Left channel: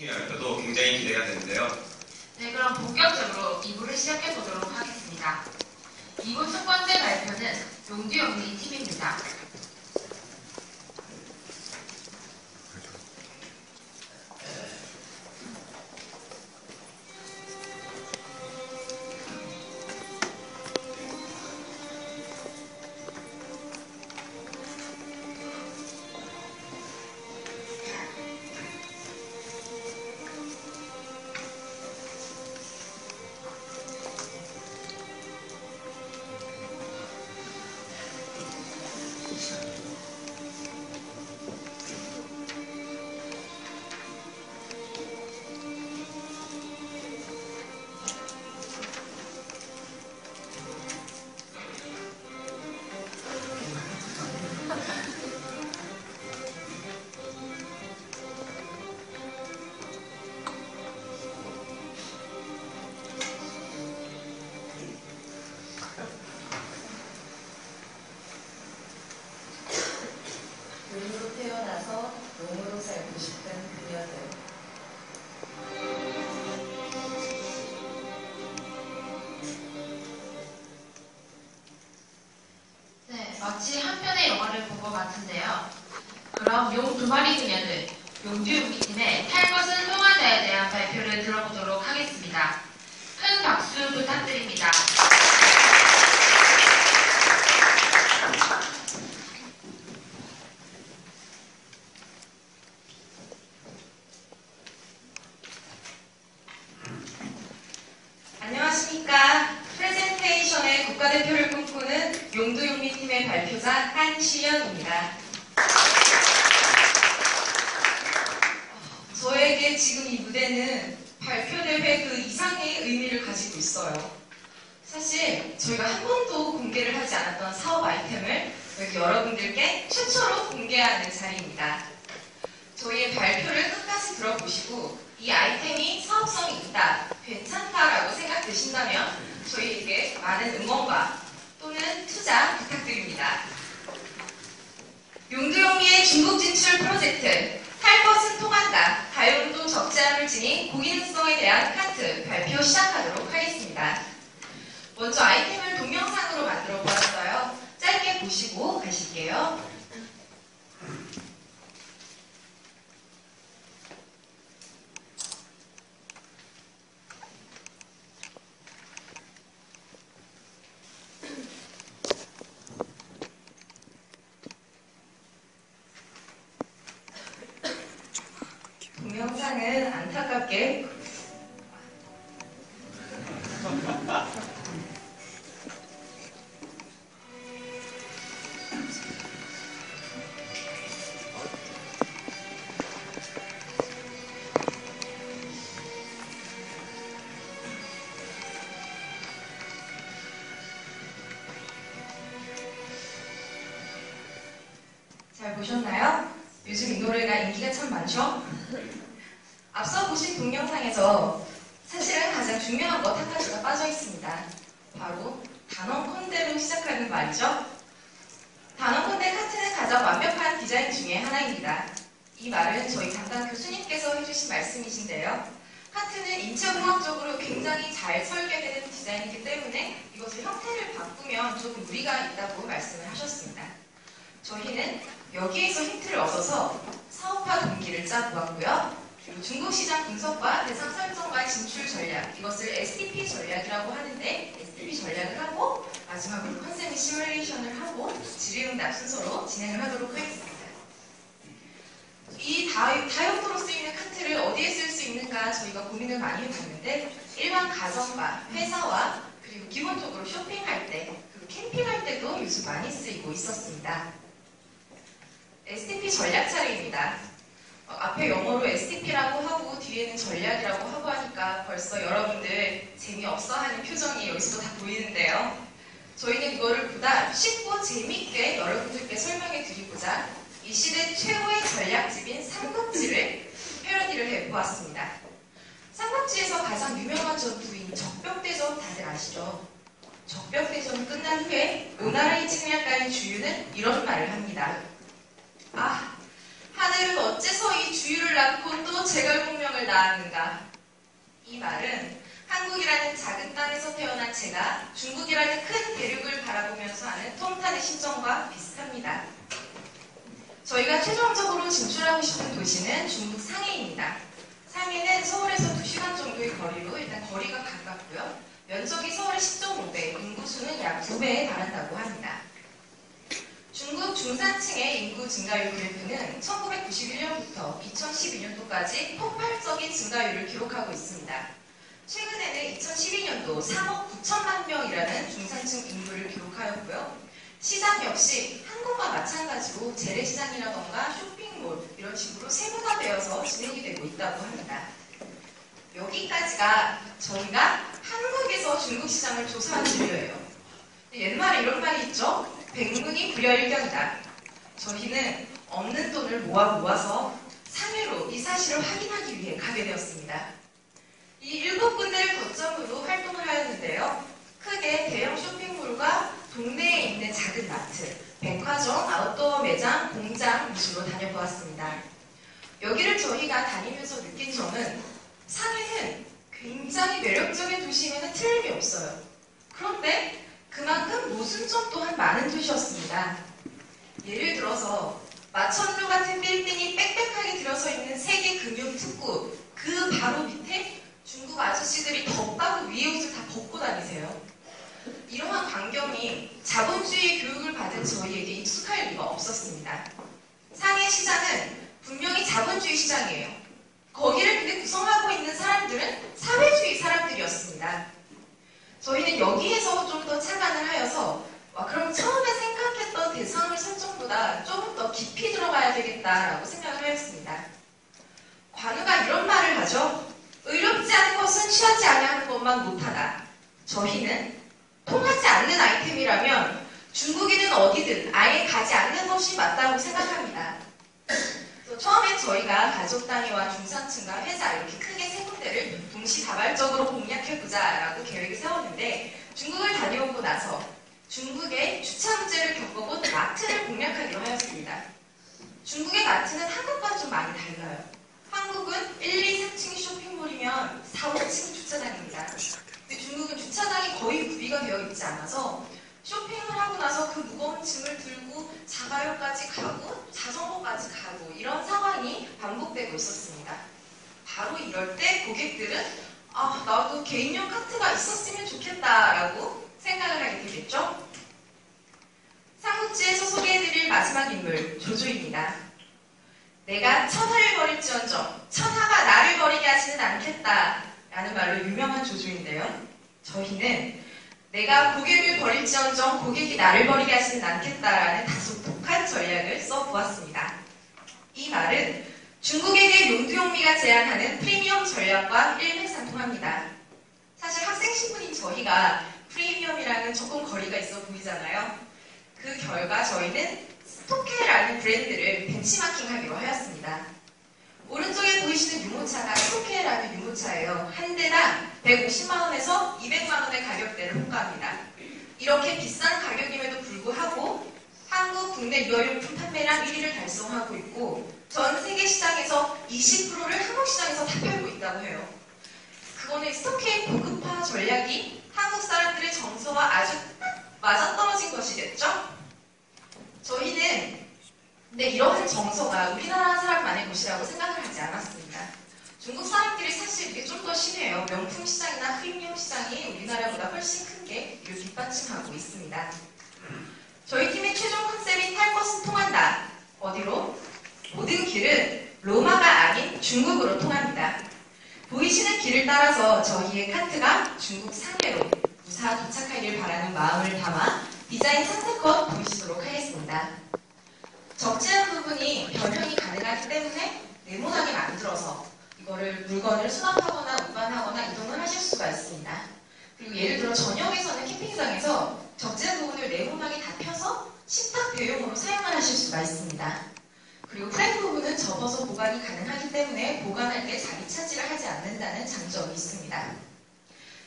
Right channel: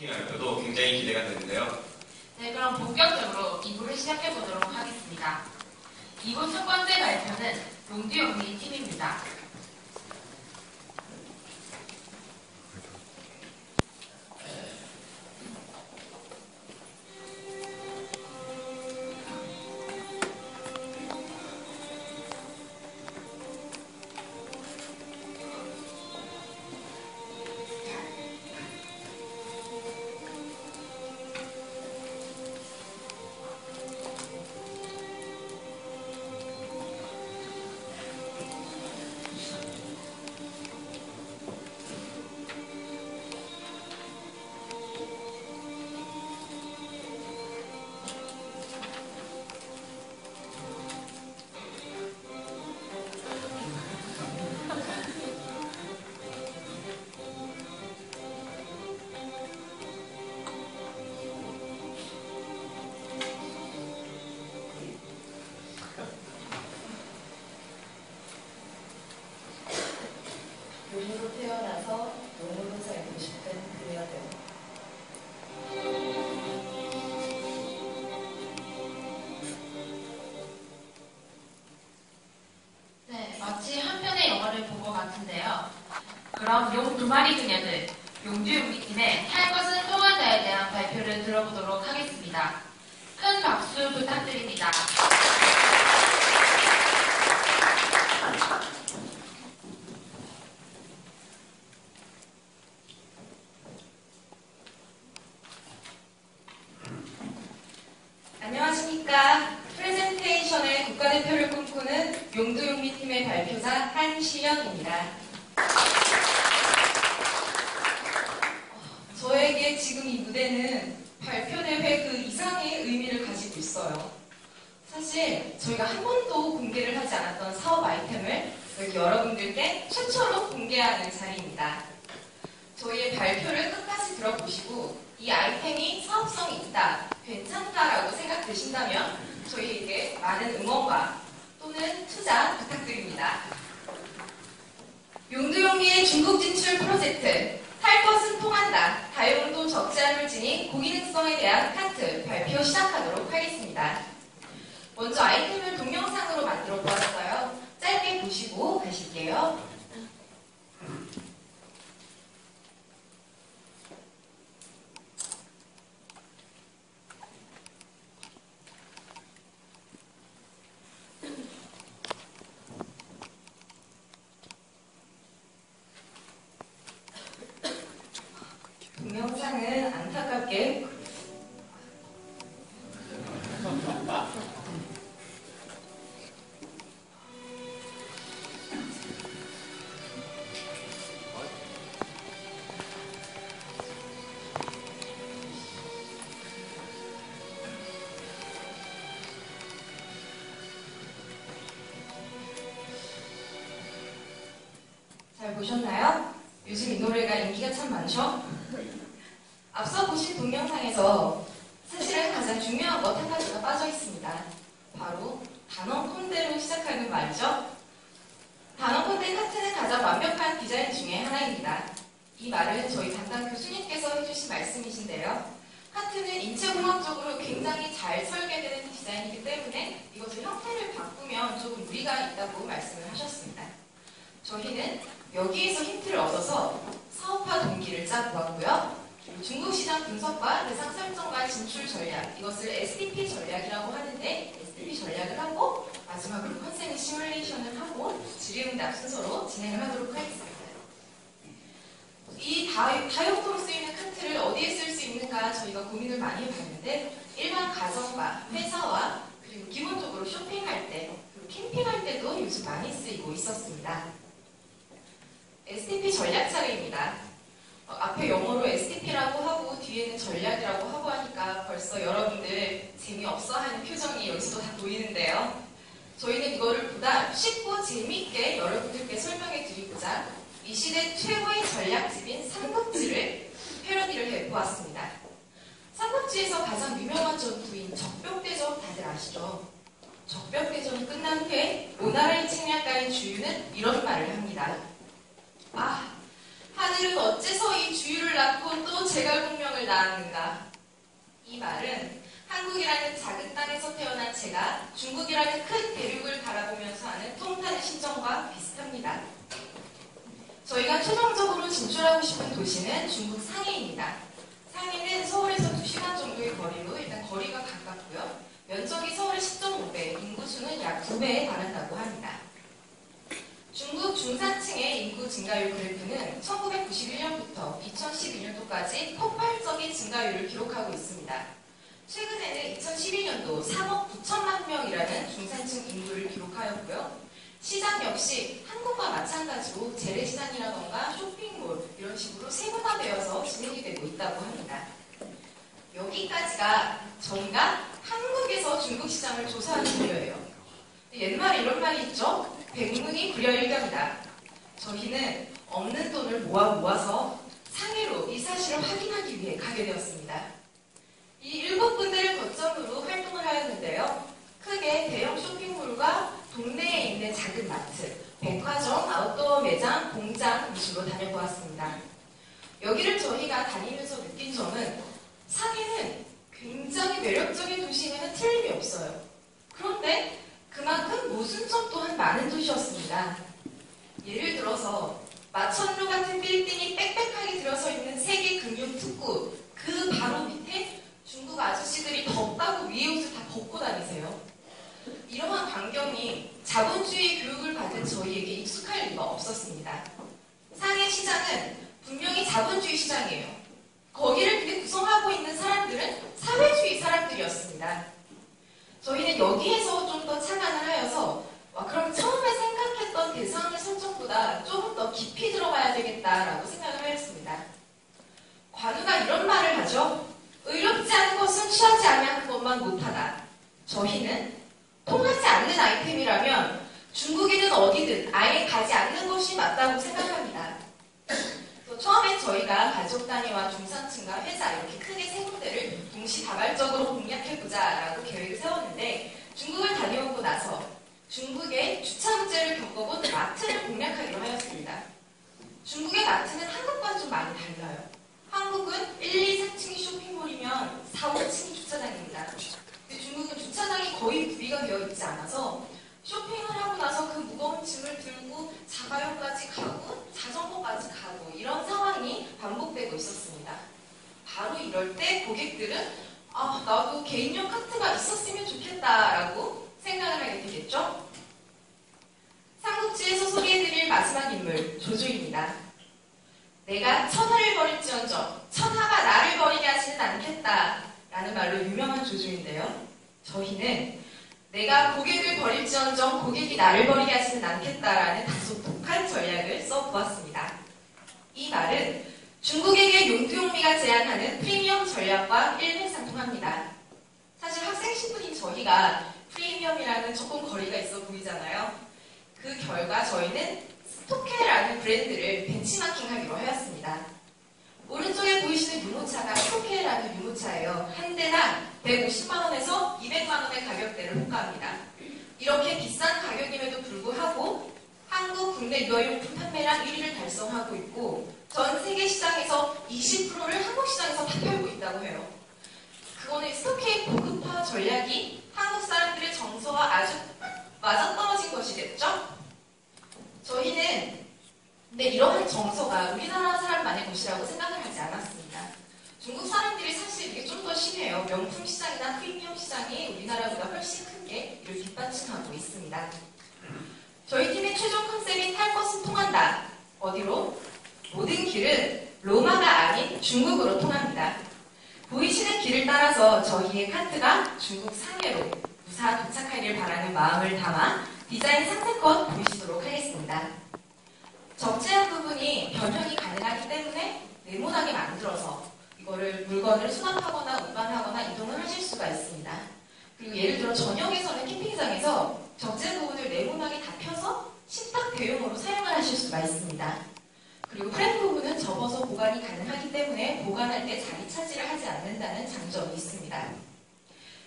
팀의 발표도 굉장히 기대가 되는데요. 네, 그럼 본격적으로 2부를 시작해 보도록 하겠습니다. 2부 첫 번째 발표는 용두영미 팀입니다. 용으로 태어나서 용으로 살고 싶은 그녀들. 네, 마치 한 편의 영화를 본 것 같은데요. 그럼 용 두 마리 그녀들, 용두용미 팀의 탈 것은 통하자에 대한 발표를 들어보도록 하겠습니다. 큰 박수 부탁드립니다. 안녕하십니까. 프레젠테이션의 국가대표를 꿈꾸는 용두용미 팀의 발표자 한시연입니다. 저에게 지금 이 무대는 발표대회 그 이상의 의미를 가지고 있어요. 사실 저희가 한 번도 공개를 하지 않았던 사업 아이템을 여기 여러분들께 최초로 공개하는 자리입니다. 저희의 발표를 끝까지 들어보시고 이 아이템이 사업성이 있다, 괜찮다라고 생각되신다면 저희에게 많은 응원과 또는 투자 부탁드립니다. 용두용미의 중국 진출 프로젝트 탈 것은 통한다, 가요운동 적지 않을 지닌 고기능성에 대한 카트 발표 시작하도록 하겠습니다. 먼저 아이템을 동영상으로 만들어 보았어요. 짧게 보시고 가실게요. 동영상은 안타깝게 잘 보셨나요? 요즘 이 노래가 인기가 참 많죠? 앞서 보신 동영상에서 사실은 가장 중요한 것 한 가지가 빠져 있습니다. 바로 단원컨대로 시작하는 말이죠. 단원컨대 카트는 가장 완벽한 디자인 중에 하나입니다. 이 말은 저희 담당 교수님께서 해주신 말씀이신데요. 카트는 인체공학적으로 굉장히 잘 설계되는 디자인이기 때문에 이것을 형태를 바꾸면 조금 무리가 있다고 말씀을 하셨습니다. 저희는 여기에서 힌트를 얻어서 사업화 동기를 짜보았고요. 그리고 중국 시장 분석과 대상 설정과 진출 전략, 이것을 STP 전략이라고 하는데 STP 전략을 하고 마지막으로 컨셉 시뮬레이션을 하고 질의응답 순서로 진행을 하도록 하겠습니다. 이 다용도로 쓰이는 카트를 어디에 쓸 수 있는가 저희가 고민을 많이 해봤는데 일반 가정과 회사와 그리고 기본적으로 쇼핑할 때 그리고 캠핑할 때도 요즘 많이 쓰이고 있었습니다. STP 전략 차례입니다. 앞에 영어로 STP라고 하고 뒤에는 전략이라고 하고 하니까 벌써 여러분들 재미없어 하는 표정이 여기서도 다 보이는데요. 저희는 이거를 보다 쉽고 재미있게 여러분들께 설명해 드리고자 이 시대 최고의 전략집인 삼국지를 패러디를 해보았습니다. 삼국지에서 가장 유명한 전투인 적병대전 다들 아시죠? 적병대전이 끝난 후에 오나라의 책략가인 주유는 이런 말을 합니다. 아, 하늘은 어째서 이 주유를 낳고 또 제갈공명을 정성을 다하는가? 이 말은 한국이라는 작은 땅에서 태어난 제가 중국이라는 큰 대륙을 바라보면서 하는 통탄의 심정과 비슷합니다. 저희가 최종적으로 진출하고 싶은 도시는 중국 상해입니다. 상해는 서울에서 2시간 정도의 거리로 일단 거리가 가깝고요. 면적이 서울의 10.5배, 인구수는 약 2배에 달한다고 합니다. 중국 중산층의 인구 증가율 그래프는 1991년부터 2012년도까지 폭발적인 증가율을 기록하고 있습니다. 최근에는 2012년도 3억 9천만 명이라는 중산층 인구를 기록하였고요. 시장 역시 한국과 마찬가지로 재래시장이라던가 쇼핑몰 이런 식으로 세분화되어서 진행이 되고 있다고 합니다. 여기까지가 저희가 한국에서 중국 시장을 조사한 자료예요. 옛말에 이런 말이 있죠? 백문이 불여일견이다. 저희는 없는 돈을 모아서 상해로 이 사실을 확인하기 위해 가게 되었습니다. 이 7군데를 거점으로 활동을 하였는데요. 크게 대형 쇼핑몰과 동네에 있는 작은 마트, 백화점, 아웃도어 매장, 공장 위주로 다녀보았습니다. 여기를 저희가 다니면서 느낀 점은 상해는 굉장히 매력적인 도시에는 틀림이 없어요. 그런데 그만큼 모순점 또한 많은 도시였습니다. 예를 들어서 마천루 같은 빌딩이 빽빽하게 들어서 있는 세계금융특구 그 바로 밑에 중국 아저씨들이 덥다고 위에 옷을 다 벗고 다니세요. 이러한 광경이 자본주의 교육을 받은 저희에게 익숙할 리가 없었습니다. 상해 시장은 분명히 자본주의 시장이에요. 거기를 근데 구성하고 있는 사람들은 사회주의 사람들이었습니다. 저희는 여기에서 좀 더 착안을 하여서 그럼 처음에 생각했던 대상의 설정보다 조금 더 깊이 들어가야 되겠다라고 생각을 하였습니다. 관우가 이런 말을 하죠. 의롭지 않은 것은 취하지 아니하는 것만 못하다. 저희는 통하지 않는 아이템이라면 중국인은 어디든 아예 가지 않는 것이 맞다고 생각합니다. 처음엔 저희가 가족 단위와 중산층과 회사 이렇게 크게 세 군데를 동시다발적으로 공략해보자 라고 계획을 세웠는데 중국을 다녀오고 나서 중국의 주차 문제를 겪어본 마트를 공략하기로 하였습니다. 중국의 마트는 한국과는 좀 많이 달라요. 한국은 1, 2, 3층이 쇼핑몰이면 4, 5층이 주차장입니다. 근데 중국은 주차장이 거의 구비가 되어 있지 않아서 쇼핑을 하고 나서 그 무거운 짐을 들고 자가용까지 가고 자전거까지 가고 이런 상황이 반복되고 있었습니다. 바로 이럴 때 고객들은 나도 개인용 카트가 있었으면 좋겠다라고 생각을 하게 되겠죠. 삼국지에서 소개해드릴 마지막 인물 조조입니다. 내가 천하를 버릴지언정 천하가 나를 버리게 하지는 않겠다 라는 말로 유명한 조조인데요. 저희는 내가 고객을 버릴지언정 고객이 나를 버리게 하지는 않겠다라는 다소 독한 전략을 써보았습니다. 이 말은 중국에게 용두용미가 제안하는 프리미엄 전략과 일맥상통합니다. 사실 학생 신분인 저희가 프리미엄이라는 조금 거리가 있어 보이잖아요. 그 결과 저희는 스토케라는 브랜드를 벤치마킹하기로 하였습니다. 오른쪽에 보이시는 유모차가 스토케라는 유모차예요. 한 대당 150만원에서 200만원의 가격대를 호가합니다. 이렇게 비싼 가격임에도 불구하고 한국 국내 유아용품 판매량 1위를 달성하고 있고 전 세계 시장에서 20%를 한국 시장에서 탑재하고 있다고 해요. 그거는 스토케의 고급화 전략이 한국 사람들의 정서와 아주 맞아떨어진 것이겠죠? 저희는 근데 이러한 정서가 우리나라 사람만의 것이라고 생각을 하지 않았습니다. 중국 사람들이 사실 이게 좀 더 심해요. 명품 시장이나 프리미엄 시장이 우리나라보다 훨씬 큰 게 이를 뒷받침하고 있습니다. 저희 팀의 최종 컨셉인 탈 것은 통한다. 어디로? 모든 길은 로마가 아닌 중국으로 통합니다. 보이시는 길을 따라서 저희의 카트가 중국 상해로 무사 도착하길 바라는 마음을 담아 디자인 상세껏 보이시도록 하겠습니다. 적재한 부분이 변형이 가능하기 때문에 네모나게 만들어서 이거를 물건을 수납하거나 운반하거나 이동을 하실 수가 있습니다. 그리고 예를 들어 저녁에서는 캠핑장에서 적재한 부분을 네모나게 다 펴서 식탁 대용으로 사용을 하실 수가 있습니다. 그리고 프레임 부분은 접어서 보관이 가능하기 때문에 보관할 때 자리 차지를 하지 않는다는 장점이 있습니다.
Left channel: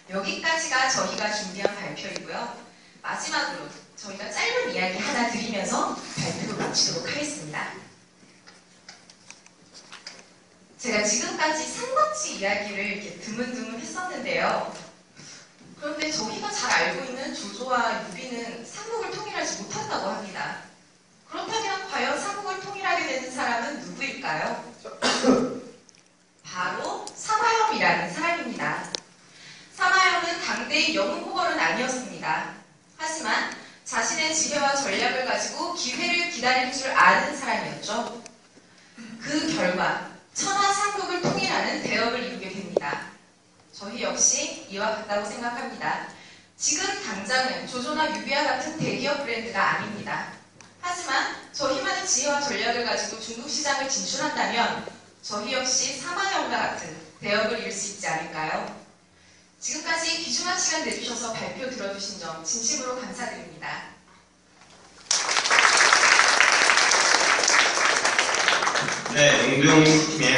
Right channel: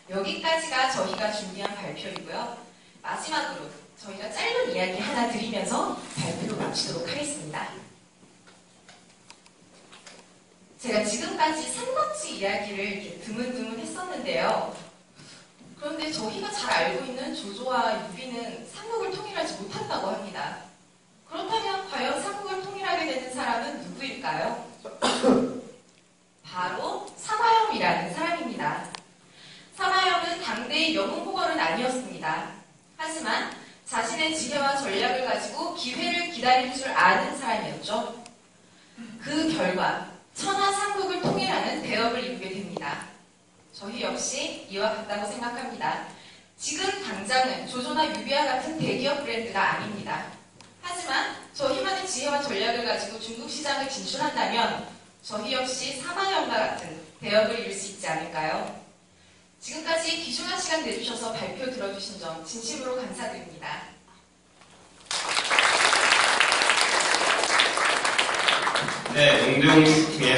여기까지가 저희가 준비한 발표이고요. 마지막으로 저희가 짧은 이야기 하나 드리면서 발표를 마치도록 하겠습니다. 제가 지금까지 삼국지 이야기를 이렇게 드문드문 했었는데요. 그런데 저희가 잘 알고 있는 조조와 유비는 삼국을 통일하지 못한다고 합니다. 그렇다면 과연 삼국을 통일하게 되는 사람은 누구일까요? 바로 사마염이라는 사람입니다. 사마염은 당대의 영웅 호걸은 아니었습니다. 하지만 자신의 지혜와 전략을 가지고 기회를 기다릴 줄 아는 사람이었죠. 그 결과 천하삼국을 통일하는 대업을 이루게 됩니다. 저희 역시 이와 같다고 생각합니다. 지금 당장은 조조나 유비와 같은 대기업 브랜드가 아닙니다. 하지만 저희만의 지혜와 전략을 가지고 중국 시장을 진출한다면 저희 역시 사마염과 같은 대업을 이룰 수 있지 않을까요? 지금까지 귀중한 시간 내주셔서 발표 들어주신 점 진심으로 감사드립니다. 네, 용두용 팀의